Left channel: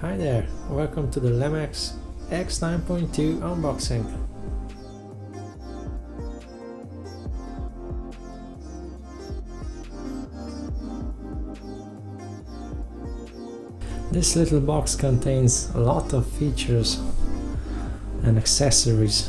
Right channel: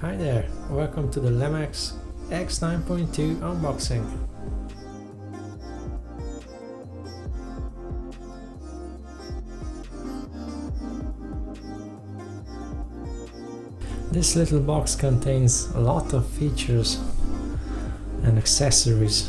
Hi there, welcome to the Lamax X9.2 unboxing. This little box contains a lot of features and accessories.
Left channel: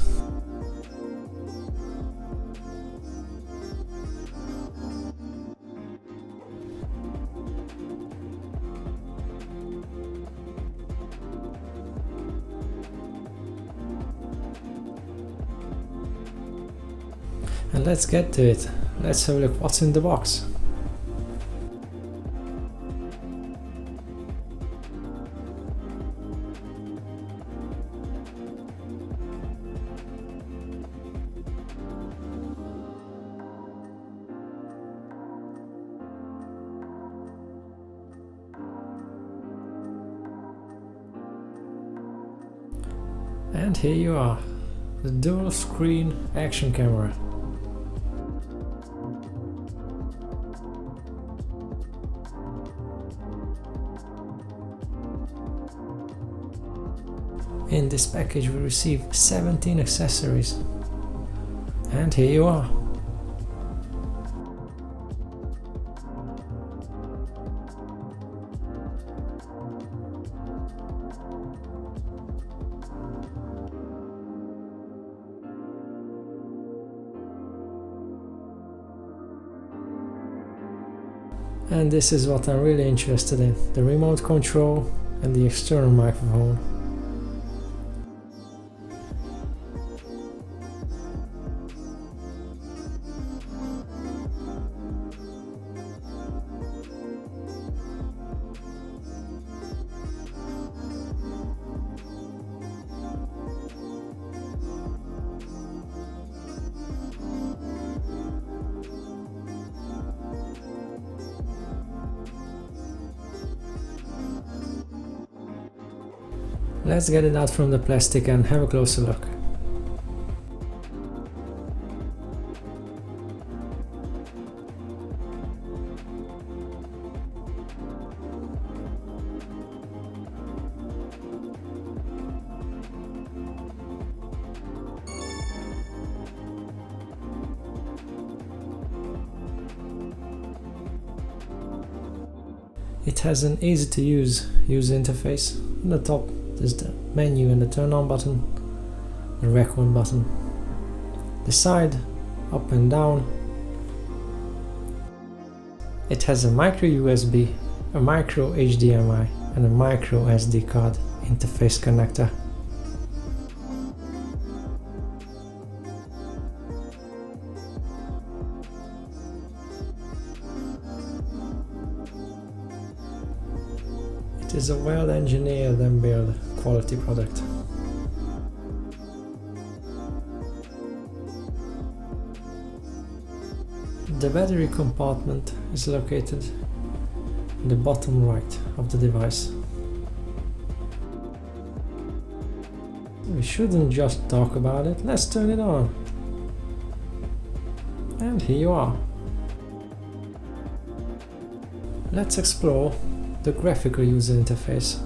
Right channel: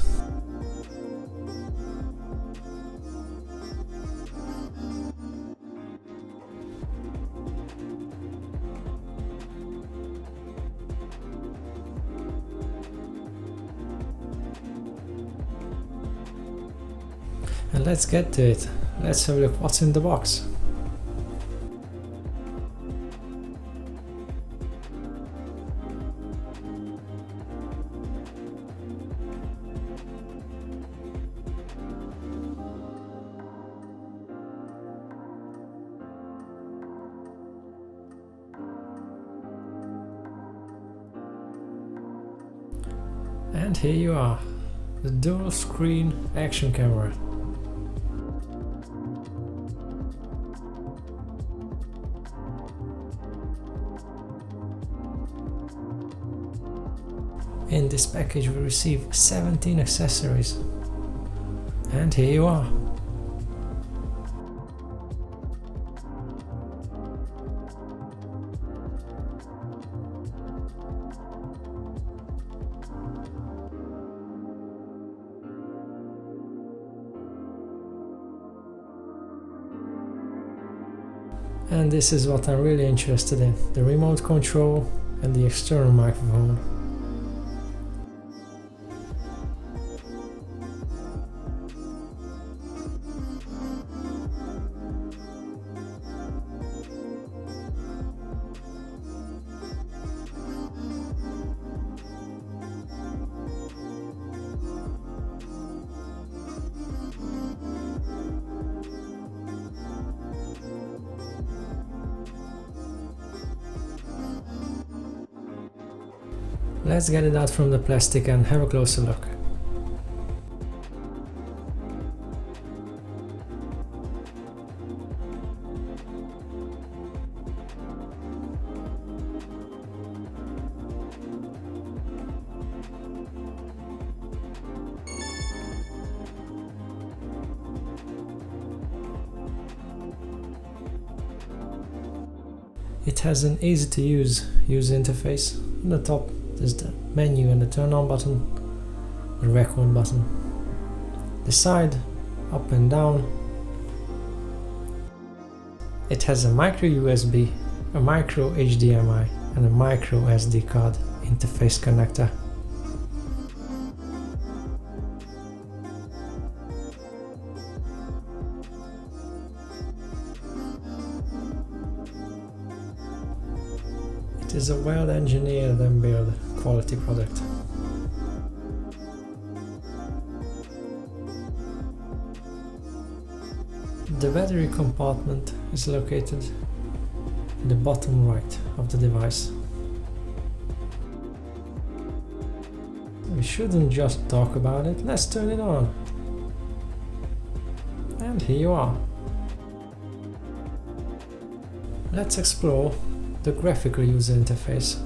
And let's get to it. Let's have a look what's in the box. And here you are, the dual screen action camera. In this package we receive 17 accessories. And here you are. And this is what I'm really interested in, the remote control and the external microphone. Let's get it out from the plastic and have a closer look. It has an easy to use user interface. On the top there's the menu and the turn on button, the record button, the side, up and down. It has a micro USB, a micro HDMI and a micro SD card interface connector. It is a well engineered and built quality product. The battery compartment is located in the bottom right of the device. We shouldn't just talk about it, let's turn it on. And here you are. Let's explore the graphical user interface.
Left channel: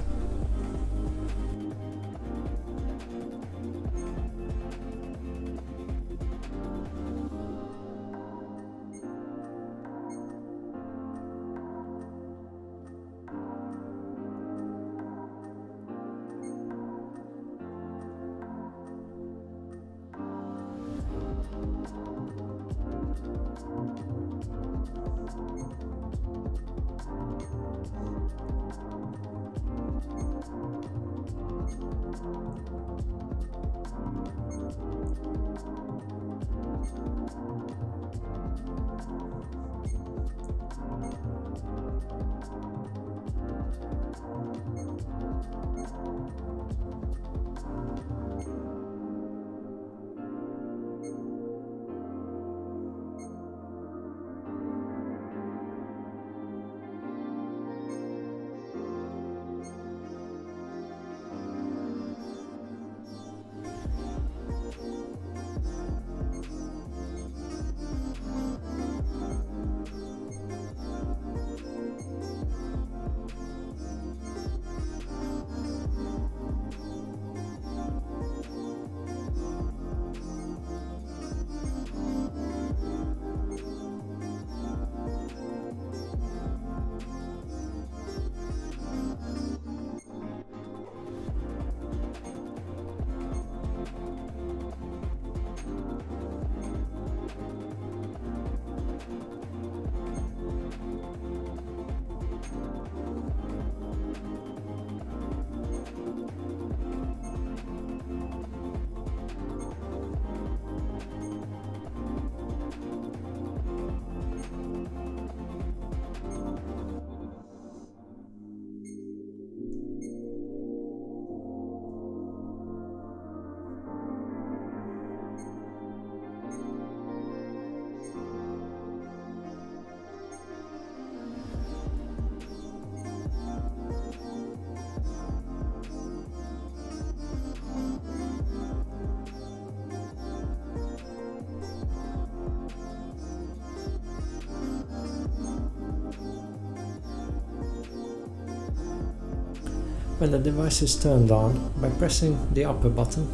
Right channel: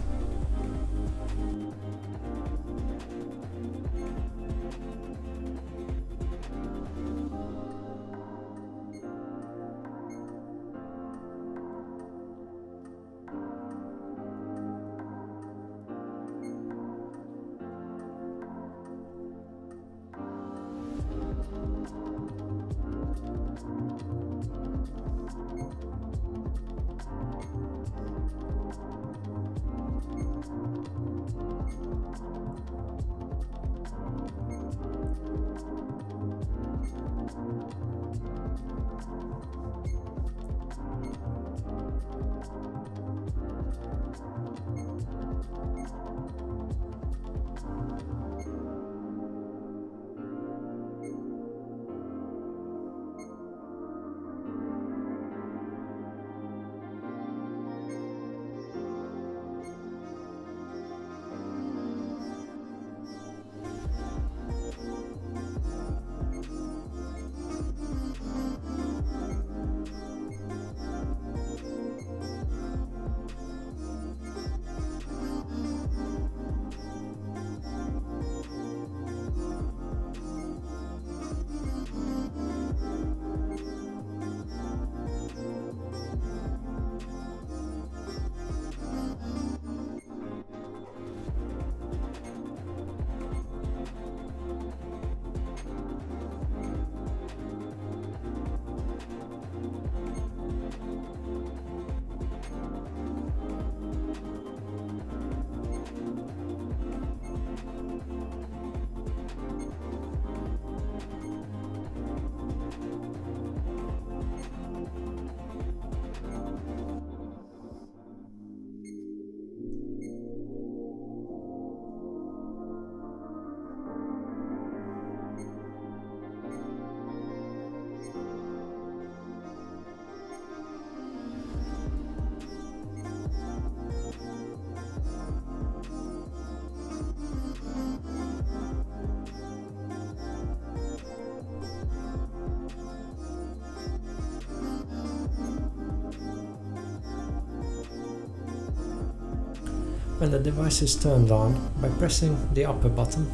When the device is turned on, by pressing the upper button,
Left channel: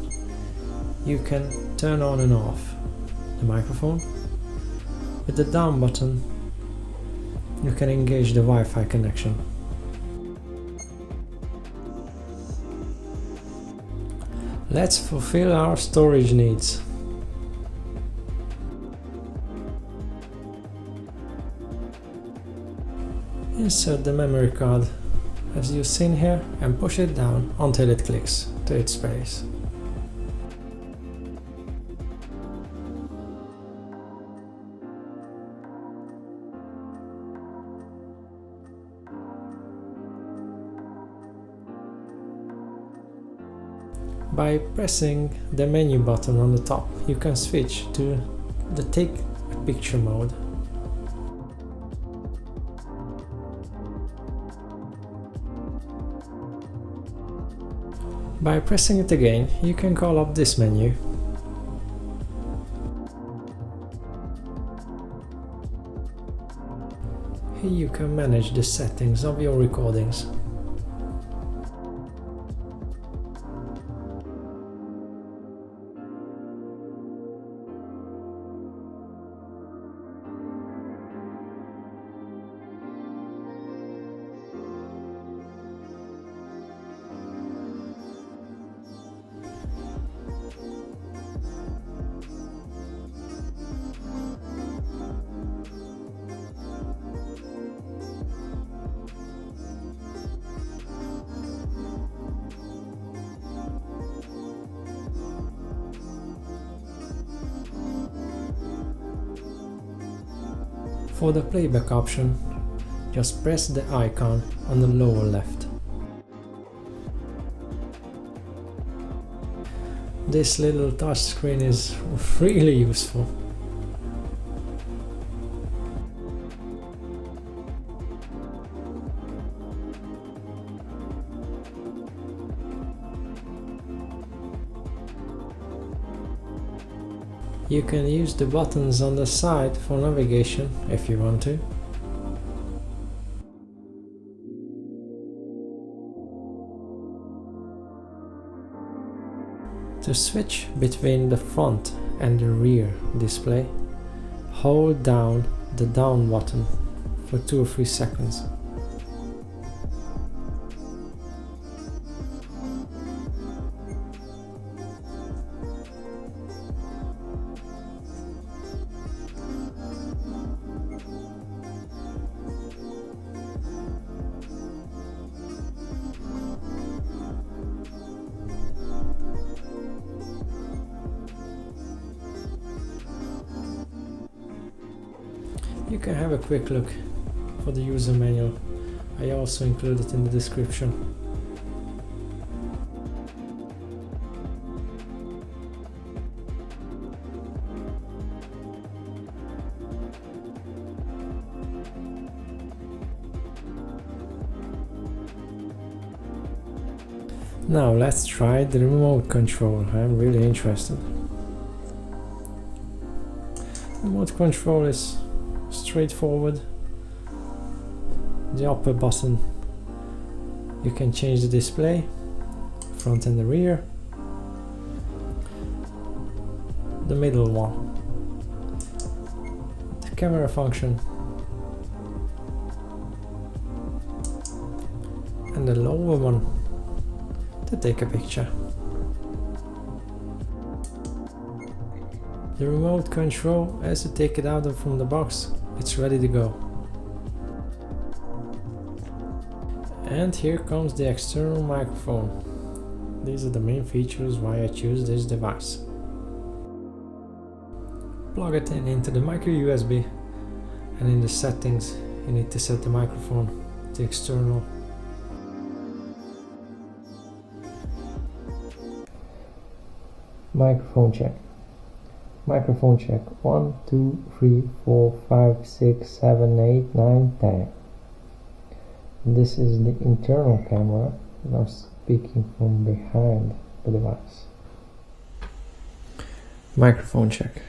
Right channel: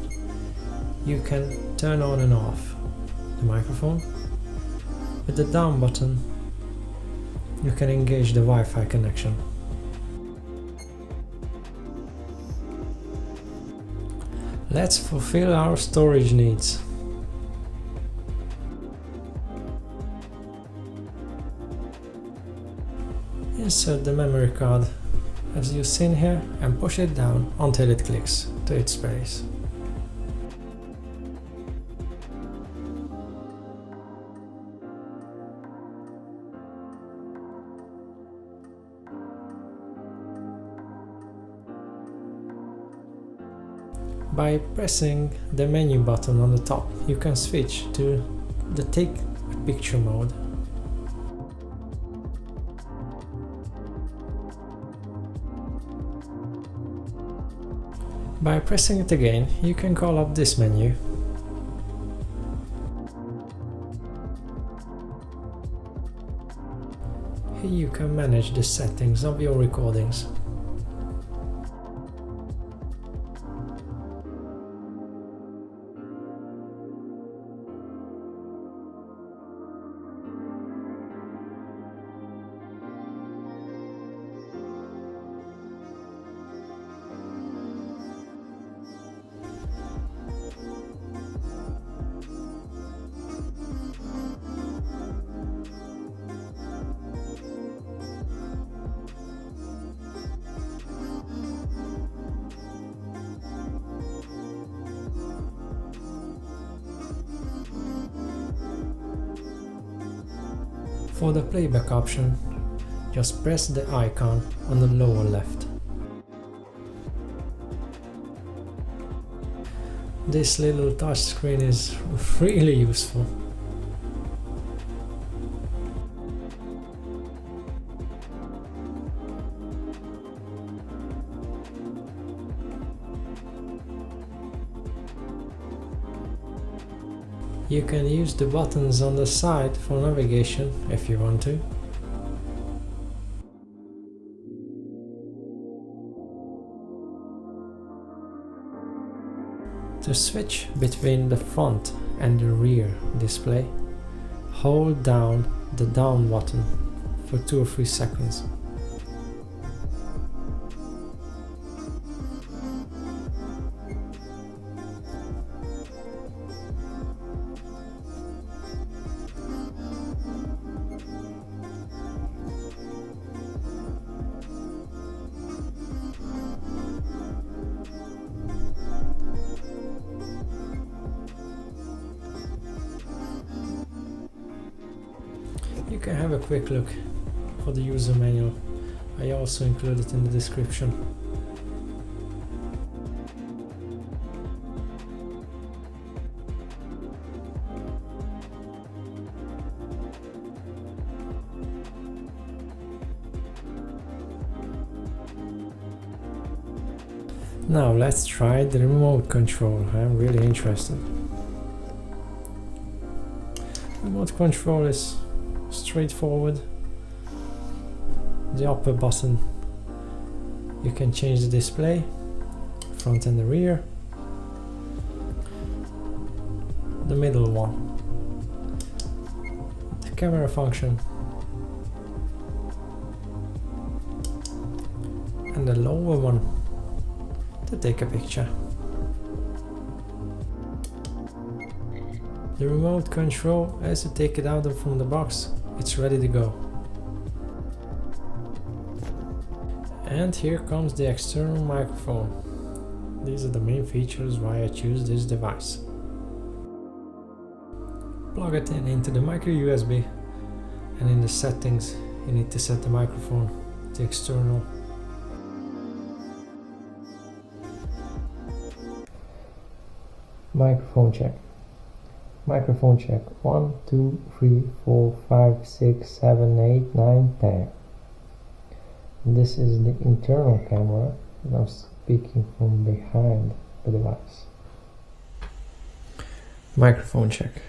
you can turn on and off the microphone. With the down button, you can engage the Wi-Fi connection. Let's fulfill our storage needs. Insert the memory card as you've seen here and push it down until it clicks to its place. By pressing the menu button on the top, you can switch to the take a picture mode. By pressing it again, you can call up this menu. Here you can manage the settings of your recordings. For the playback option, just press the icon on the lower left. This little touch screen is really useful. You can use the buttons on the side for navigation if you want to. To switch between the front and the rear display, hold down the down button for 2 or 3 seconds. You can have a quick look for the user manual. I also include it in the description. Now let's try the remote control. I'm really interested. Remote control is straightforward. The upper button, you can change the display, front and the rear. The middle one, the camera function, and the lower one to take a picture. The remote control, as you take it out from the box, it's ready to go. And here comes the external microphone. These are the main features why I choose this device. Plug it in into the micro USB, and in the settings you need to set the microphone to external. Microphone check. Microphone check 1, 2, 3, 4, 5, 6, 7, 8, 9, 10. This is the internal camera, and I'm speaking from behind the device. Microphone check.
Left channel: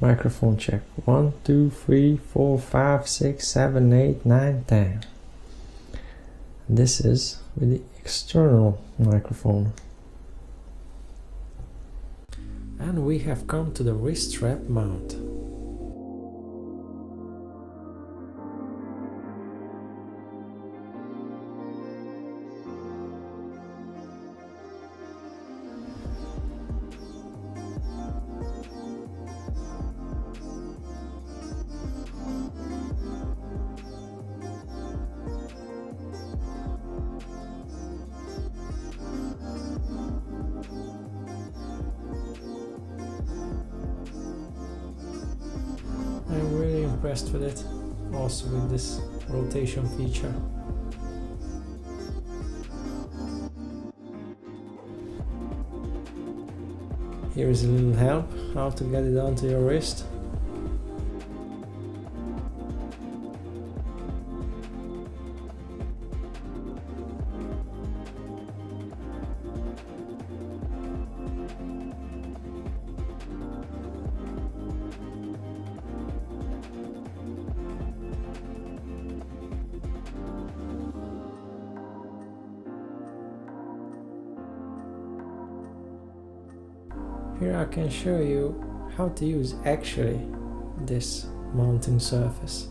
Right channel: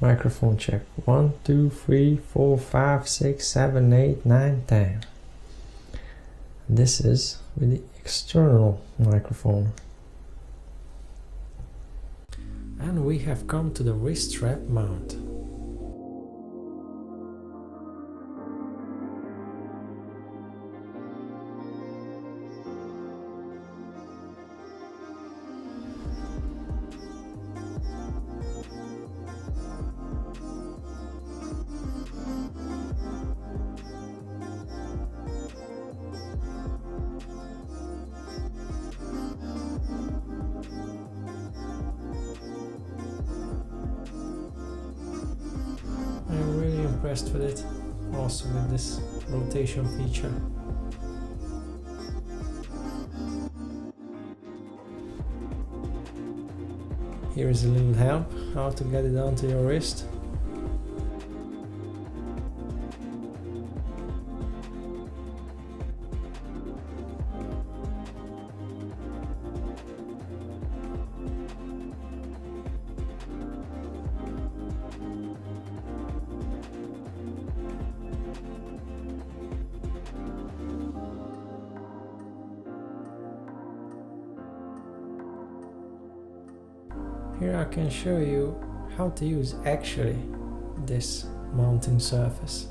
Microphone check 1, 2, 3, 4, 5, 6, 7, 8, 9, 10. This is with the external microphone. And we have come to the wrist strap mount. I'm really impressed with it, also with this rotation feature. Here is a little help how to get it onto your wrist. Here I can show you how to use actually this mounting surface.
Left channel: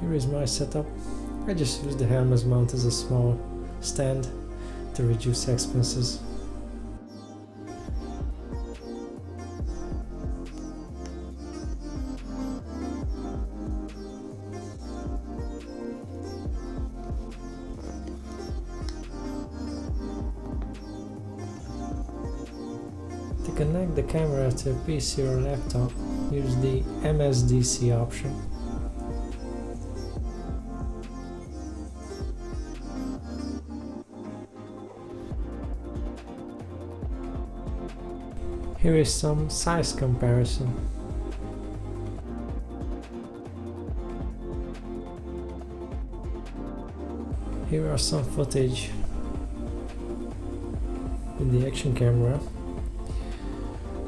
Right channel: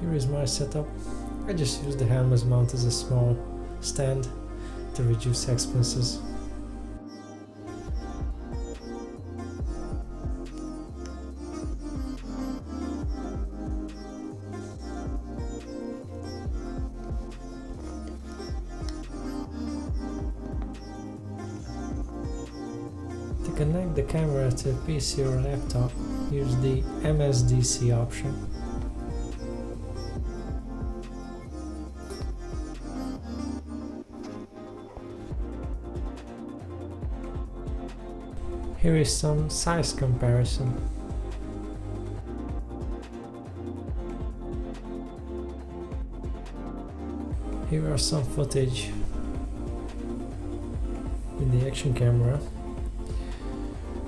Here is my setup. I just use the helmet mount as a small stand to reduce expenses. To connect the camera to a PC or laptop, use the MSDC option. Here is some size comparison. Here are some footage with the action camera.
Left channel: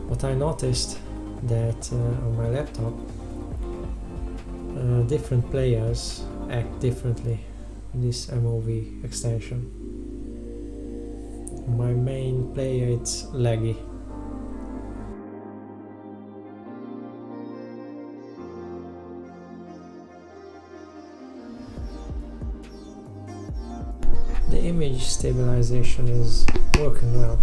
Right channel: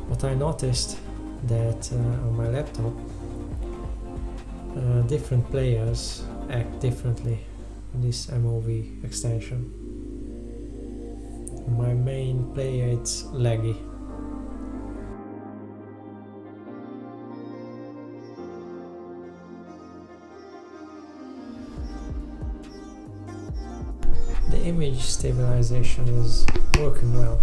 What I noticed that on my laptop different players act differently in this MOV extension. My main player, it's laggy. The image stabilization is working well.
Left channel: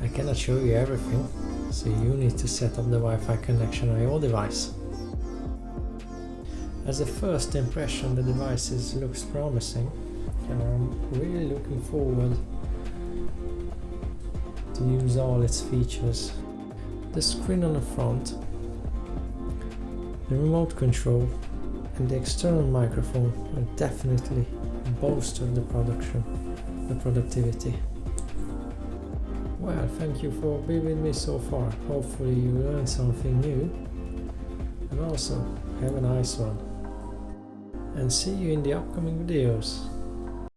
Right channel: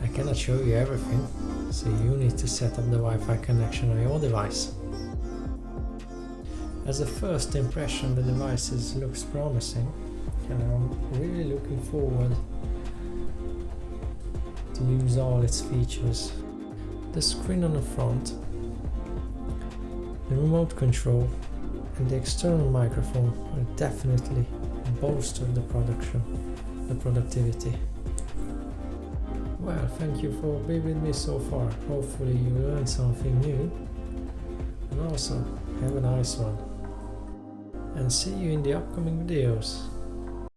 I cannot show you everything, so you need to set up the Wi-Fi connection on your device. As a first impression, the device looks promising, and I'm really looking forward to use all its features. The screen on the front, the remote control and the external microphone will definitely bolster the productivity. Well, thank you for being with me so far. Hopefully you learned something new, and also have a nice one. And see you in the upcoming videos.